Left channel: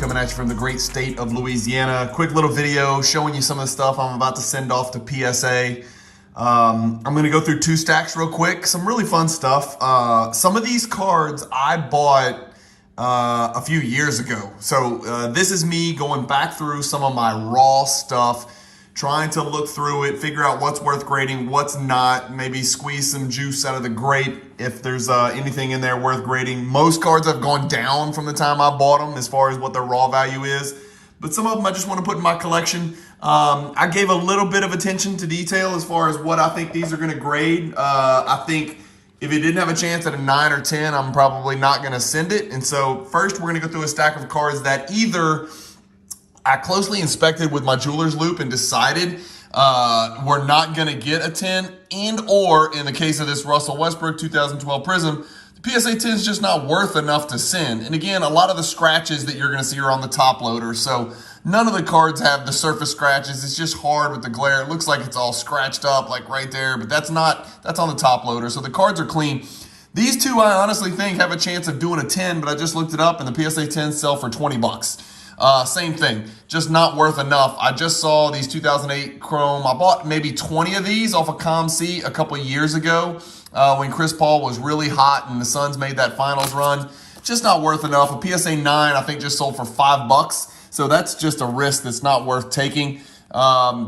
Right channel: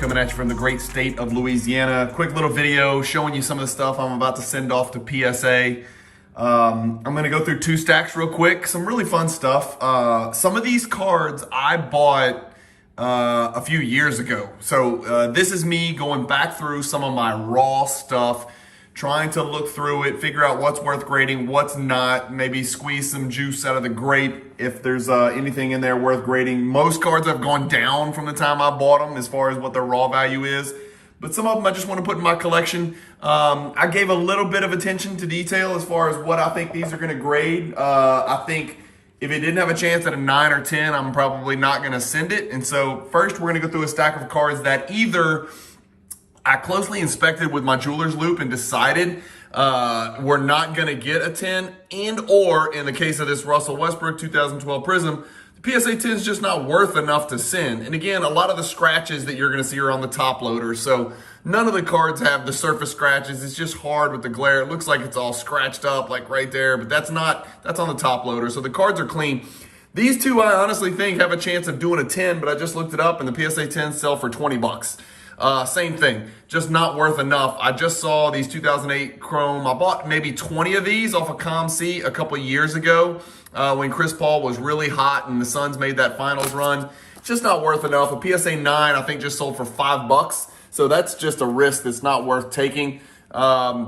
coming at you from the great state of Louisiana. Quick little video showing you some of the stuff I'm about to send off to PSA. I'm going to go through 2 stacks real quick. Some really fun stuff. Some of these cards I bought a few years ago. So this is me going back through some of my raw stuff, trying to look through it, figure out what's worth grading, what's not, maybe squeeze some juice out of the grape if there's anything in there worth grading. Most cards have gone down from the time I bought them as far as what their raw value is, but some of them I just want to put in my collection. I gave a little bit of attention to detail as far as what I think these are going to grade. I think if it didn't have a chance at a 9 or 10, I'm probably not going to send it. And so first we're going to go through a stack of cards that either I closely inspected with my jeweler's loop and decided we're not going to get a 10, and or in the case of this Russell Westbrook 2012 Prism, the PSA 10 is just not worth enough to send. And again, a lot of the scratches that you're going to see are on the top loader, so none of the cards have the surface scratches. It's just hard with the glare. It looks like it's all scratched up like right there, but that's on the top loader, so the cards are clean. These two I honestly think have a chance of doing a 10, but I just looked it up and the PSA 10s sell for 20 bucks. Same thing, just not worth enough. I just saw these 2008 Chrome. I bought maybe 20 of these off of ComC a couple of years ago when Chris Paul was really hot and the Suns made that finals run. Just not worth enough. A PSA 9 I think just sold for 5 bucks. So that's just a risk that's not worth taking.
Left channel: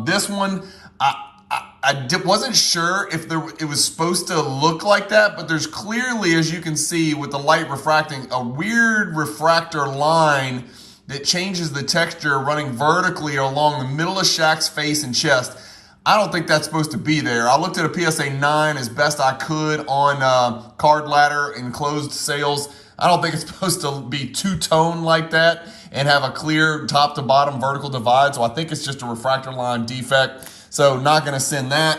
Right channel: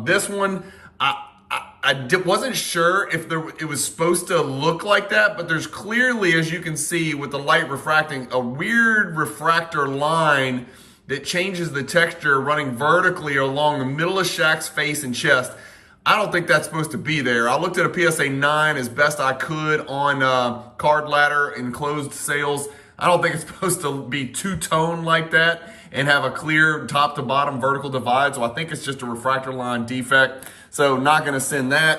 This one, I wasn't sure if it was supposed to look like that, but there's clearly, as you can see with the light refracting, a weird refractor line that changes the texture running vertically along the middle of Shaq's face and chest. I don't think that's supposed to be there. I looked at a PSA 9 as best I could on Card Ladder and closed sales. I don't think it's supposed to be two-tone like that and have a clear top to bottom vertical divide. So I think it's just a refractor line defect. So not going to send that.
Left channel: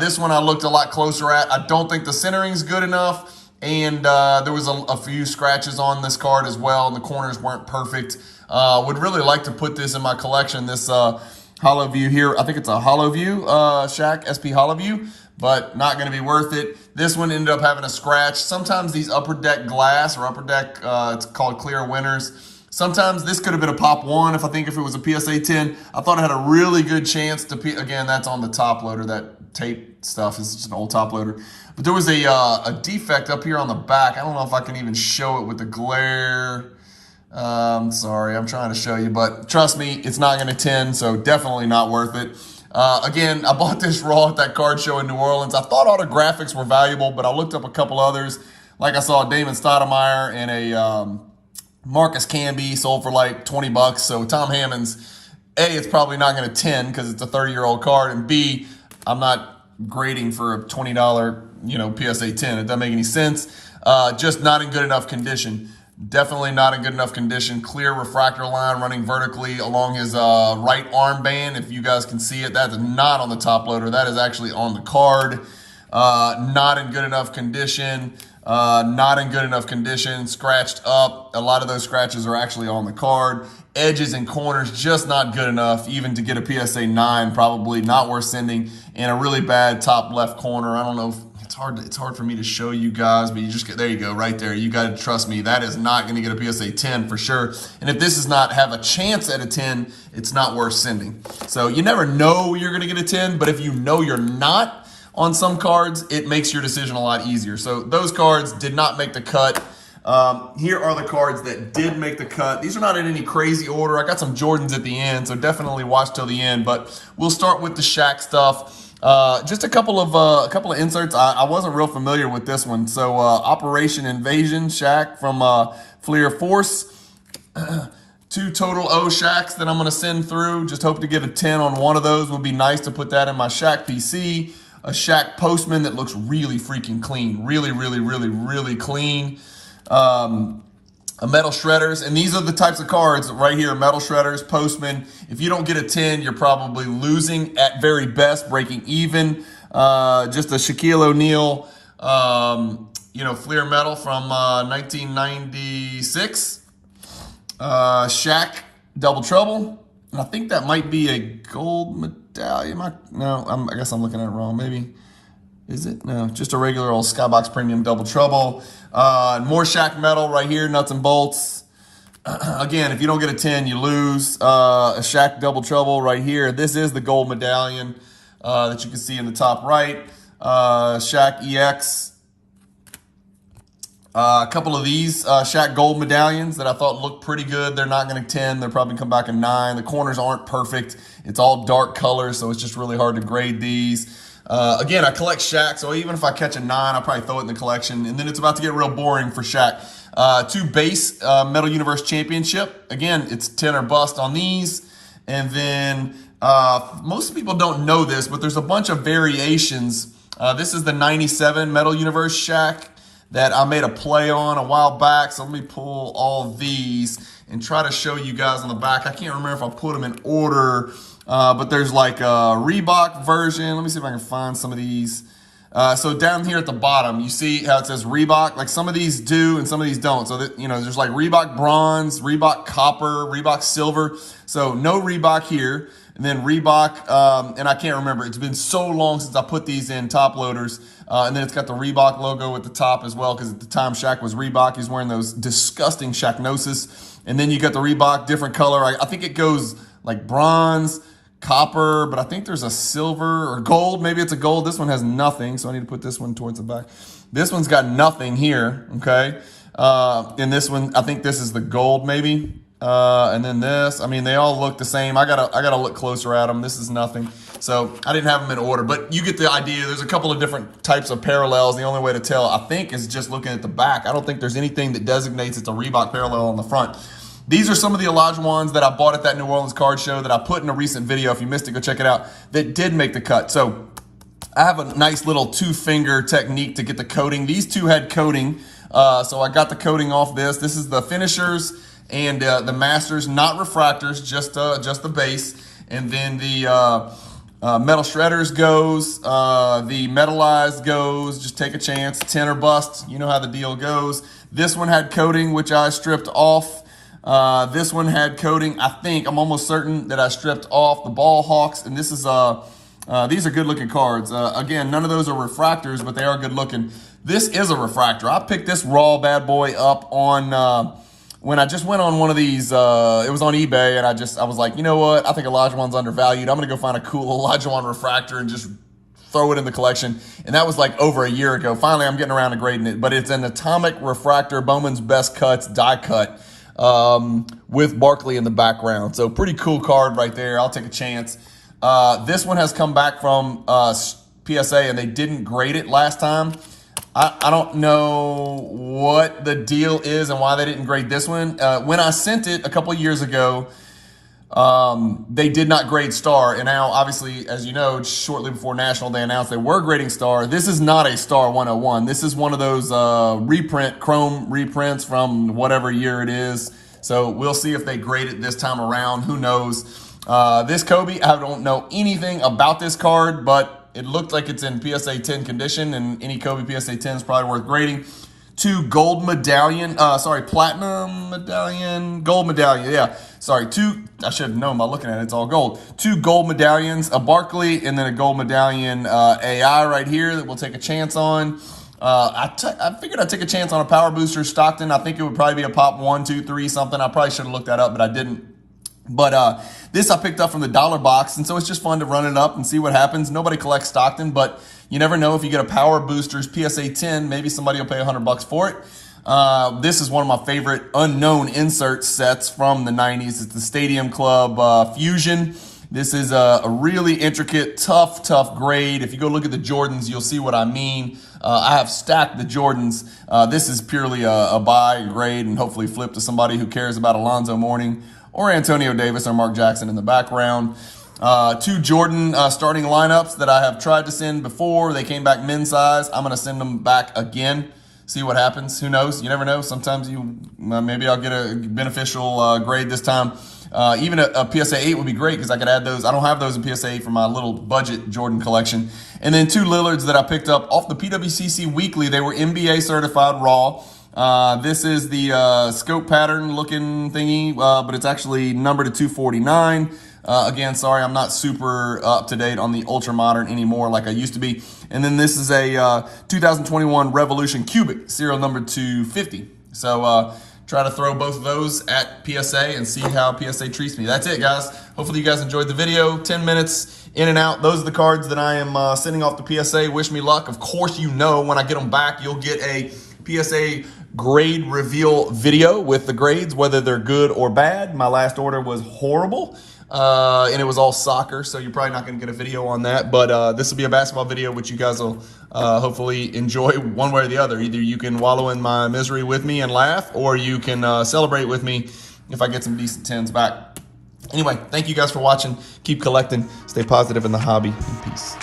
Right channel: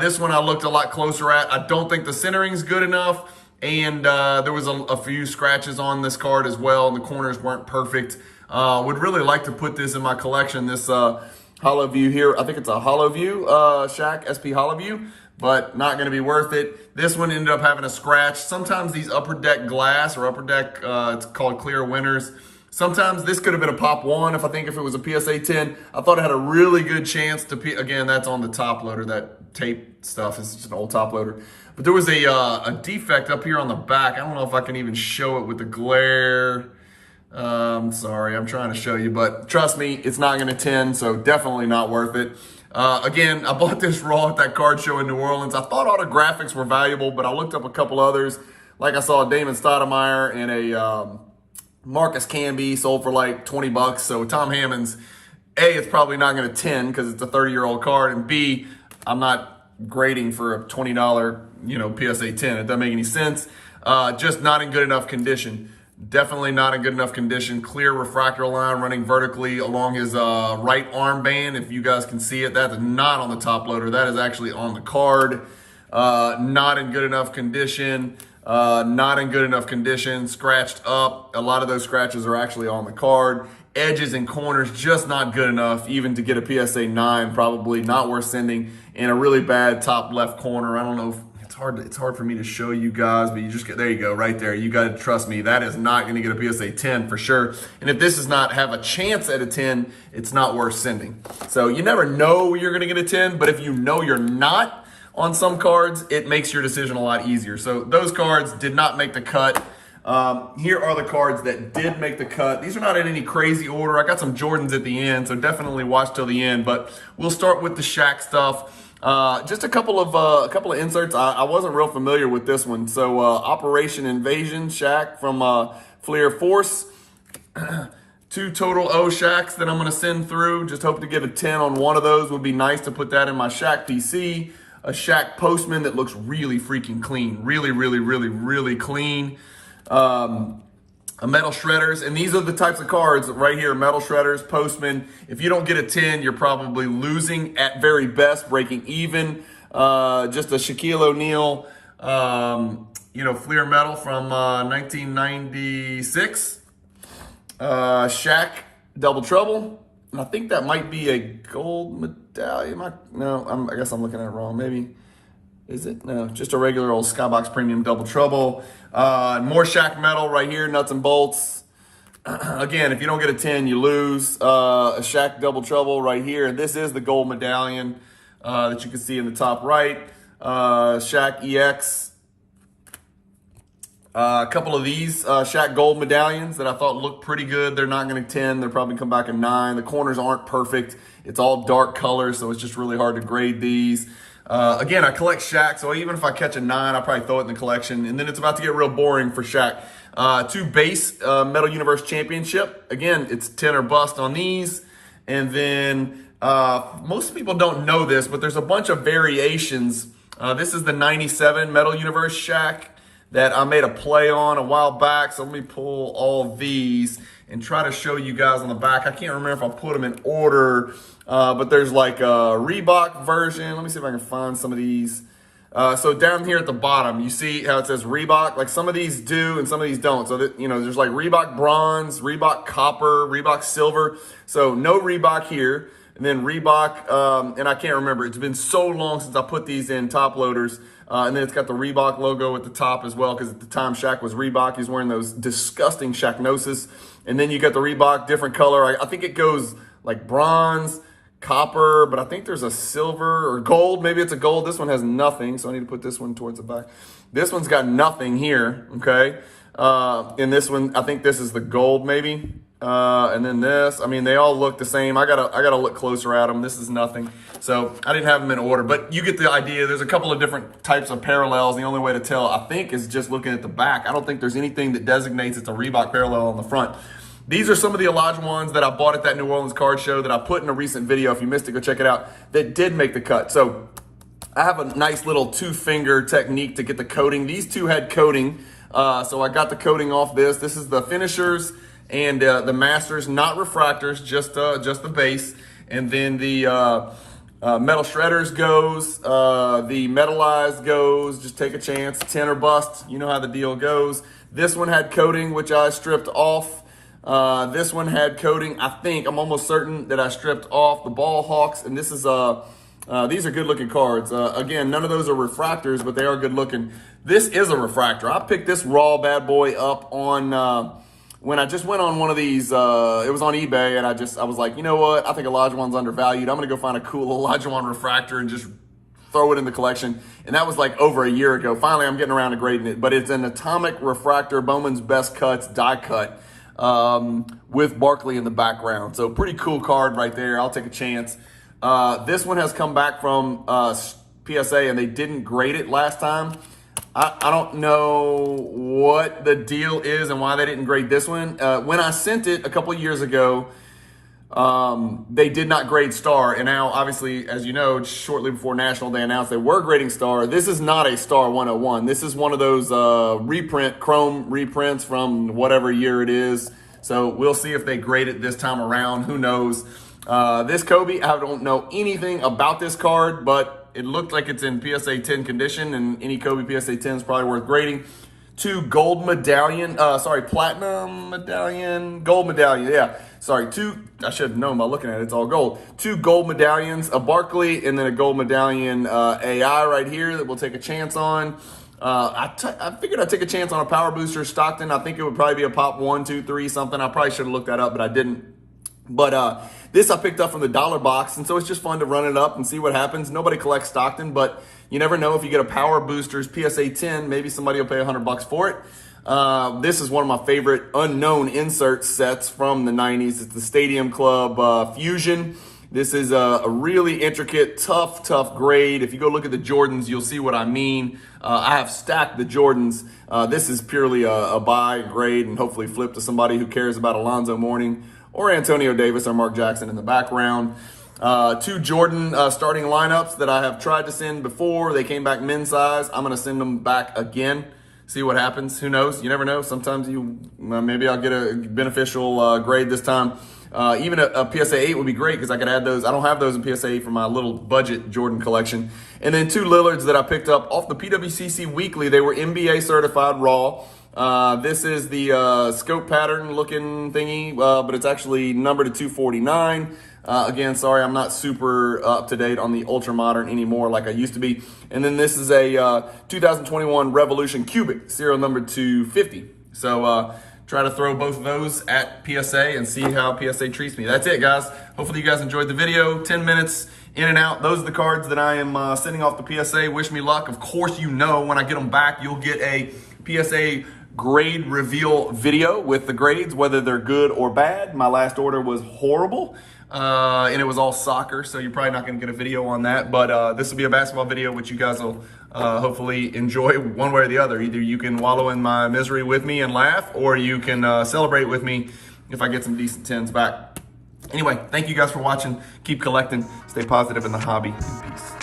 This one I looked a lot closer at. I don't think the centering is good enough. And there was a few scratches on this card as well, and the corners weren't perfect. Would really like to put this in my collection, this Hollow View here. I think it's a Hollow View Shaq, SP Hollow View, but not going to be worth it. This one ended up having a scratch. Sometimes these upper deck glass or upper deck, it's called clear winners. Sometimes this could have been a pop 1 if it was a PSA 10. I thought it had a really good chance to, again, that's on the top loader. That tape stuff is just an old top loader. But there was a defect up here on the back. I don't know if I can even show it with the glare. Sorry, I'm trying to show you, but trust me, it's not going to 10, so definitely not worth it. Again, I bought this raw at that card show in New Orleans. I thought autographics were valuable, but I looked up a couple others. Like I saw Damon Stoudemire and a Marcus Camby sold for like 20 bucks. So Tom Hammond's, A, it's probably not going to 10 because it's a 30-year-old card, and B, I'm not grading for a $20, PSA 10. It doesn't make any sense. Just not in good enough condition. Definitely not in good enough condition. Clear refractor line running vertically along his right arm band. If you guys can see it, that is not on the top loader. That is actually on the card. Not in good enough condition. Not in good enough condition. Scratched up. A lot of those scratches are actually on the card. Edges and corners just not good enough even to get a PSA 9. Probably not worth sending. And a really bad top left corner. I don't know if it's hard for me to show you guys, but you just there you go, right there. You got to trust me. That is not going to get a PSA 10 for sure. And if this does not have a chance at a 10, it's not worth sending. So you never know you're going to get a 10, but if you know you're not on some cards, it makes your decision a lot easier. So those cards did not make the cut. Here are the cards that did make the cut. These are not in any crazy order. I got some Jordans at the end, so definitely watch till the end. But we'll start with the Shaq stuff. Just a couple of inserts. I wasn't real familiar with this one. So Operation Invasion Shaq from Fleer Force. 2 total O Shaqs that I'm going to send through. Just hope to get a 10 on one of those. Would be nice to put that in my Shaq PC. A Shaq Postman that looks really freaking clean. Really, really, really, really clean. A Metal Shredders, and these are the types of cards right here, Metal Shredders, Postman. If you don't get a 10, you're probably losing at very best, breaking even. Just a Shaquille O'Neal, Fleer Metal from 1996. Shaq Double Trouble, and I think that might be a gold medallion. I guess I'm looking at it wrong, maybe. Is it? No, just a regular old Skybox Premium Double Trouble. More Shaq Metal right here, nuts and bolts. Again, if you don't get a 10, you lose. A Shaq double trouble right here. This is the gold medallion that you can see in the top right. Shaq EX. A couple of these Shaq gold medallions that I thought looked pretty good. They're not going to 10. They'll probably come back a 9. The corners aren't perfect. It's all dark colors, so it's just really hard to grade these. Again, I collect Shaq, so even if I catch a 9, I'll probably throw it in the collection. And then it's about to get real boring for Shaq. 2 base Metal Universe Championship. Again, it's 10 or bust on these. And then most people don't know this, but there's a bunch of variations. This is the 97 Metal Universe Shaq that I made a play on a while back. So let me pull all of these and try to show you guys on the back. I can't remember if I put them in order, but there's like a Reebok version. Let me see if I can find some of these. So down here at the bottom, you see how it says Reebok? Like some of these do and some of these don't. So that, there's like Reebok bronze, Reebok copper, Reebok silver. So no Reebok here. And then Reebok, and I can't remember. It's been so long since I put these in top loaders. And then it's got the Reebok logo at the top as well, because at the time Shaq was Reebok. He's wearing those disgusting Shaqnosis. And then you got the Reebok, different color. I think it goes like bronze, copper, but I think there's a silver or gold. Maybe it's a gold. This one has nothing, so I need to put this one towards the back. This one's got nothing here, okay? And this one, I think this is the gold maybe. And then this, I mean, they all look the same. I gotta look closer at them. This is nothing. So I didn't have them in order, but you get the idea. There's a couple of different types of parallels. The only way to tell, I think, is just looking at the back. I don't think there's anything that designates it's a Reebok parallel on the front. These are some of the Olajuwons that I bought at that New Orleans card show that I put in a recent video. If you missed it, go check it out. That did make the cut. So I have a nice little 2-finger technique to get the coating. These two had coating. So I got the coating off this. This is the finishers and the masters, not refractors, just the base. And then the metal shredders goes, the metallized goes, just take a chance, 10 or bust. You know how the deal goes. This one had coating, which I stripped off. This one had coating. I think, I'm almost certain that I stripped off the Ball Hawks, and this is these are good looking cards. Again, none of those are refractors, but they are good looking. This is a refractor. I picked this raw bad boy up on when I just went on one of these. It was on eBay, and I was like, you know what? I think Olajuwon's undervalued. I'm gonna go find a cool Olajuwon refractor and just throw it in the collection. And that was like over a year ago. Finally, I'm getting around to grading it, but it's an atomic refractor, Bowman's Best Cuts die cut. With Barkley in the background. So pretty cool card right there. I'll take a chance. This one has come back from PSA, and they didn't grade it last time. I don't know what the deal is and why they didn't grade this one. When I sent it a couple of years ago, they did not grade star, and now obviously, as you know, shortly before National, they announced they were grading star. This is not a star 101. This is one of those chrome reprints from whatever year it is. So we'll see if they grade it this time around. Who knows? This Kobe, I don't know anything about this card, but it looked like it's in PSA 10 condition, and any Kobe PSA 10 is probably worth grading. 2 gold medallion, platinum medallion, gold medallion, yeah. Sorry, 2, I should have known by looking at it, it's all gold. 2 gold medallions, a Barkley, and then a gold medallion AI right here that we'll take a chance on. I figured I'd take a chance on a power booster Stockton. I think it would probably be a pop 1, 2, 3, something. I probably should have looked that up, but I didn't. But this I picked up from the dollar box, and so it's just fun to run it up and see what happens. Nobody collects Stockton, but you never know. If you get a Power Boosters PSA 10, maybe somebody will pay $100 for it. This is one of my favorite unknown insert sets from the 90s. It's the Stadium Club Fusion. This is a really intricate, tough grade. If you go look at the Jordans, you'll see what I mean. I have stacked the Jordans. This is purely a buy grade and hopefully flip to somebody who cares about Alonzo Mourning or Antonio Davis or Mark Jackson in the background. 2 Jordan starting lineups that I have tried to send before. They came back men's size. I'm going to send them back again. See what happens. Who knows? You never know. Sometimes maybe I'll get a beneficial grade this time. Even a PSA 8 would be great because I could add those. I don't have those in PSA 8 for my little budget Jordan collection. And then 2 Lillards that I picked up off the PWCC Weekly. They were NBA certified raw. This is the scope pattern looking thingy, but it's actually numbered to 249. Again, sorry, I'm not super up to date on the ultra modern anymore like I used to be. And then this is a 2021 Revolution Cubic, serial number 250. So try to throw both of those at PSA and see how PSA treats me. That's it, guys. Hopefully you guys enjoyed the video. 10 minutes in and out. Those are the cards that I am sending off to PSA. Wish me luck. Of course, you know when I get them back, you'll get a PSA grade reveal video with the grades, whether they're good or bad. My last order was horrible, and it was all soccer, so you're probably not going to get a video on that, but this will be a basketball video, which you guys will hopefully enjoy one way or the other. Either you can wallow in my misery with me and laugh, or you can celebrate with me if I get some decent 10s back. Anyway, thank you guys for watching. Keep collecting. Stay positive in the hobby. Peace.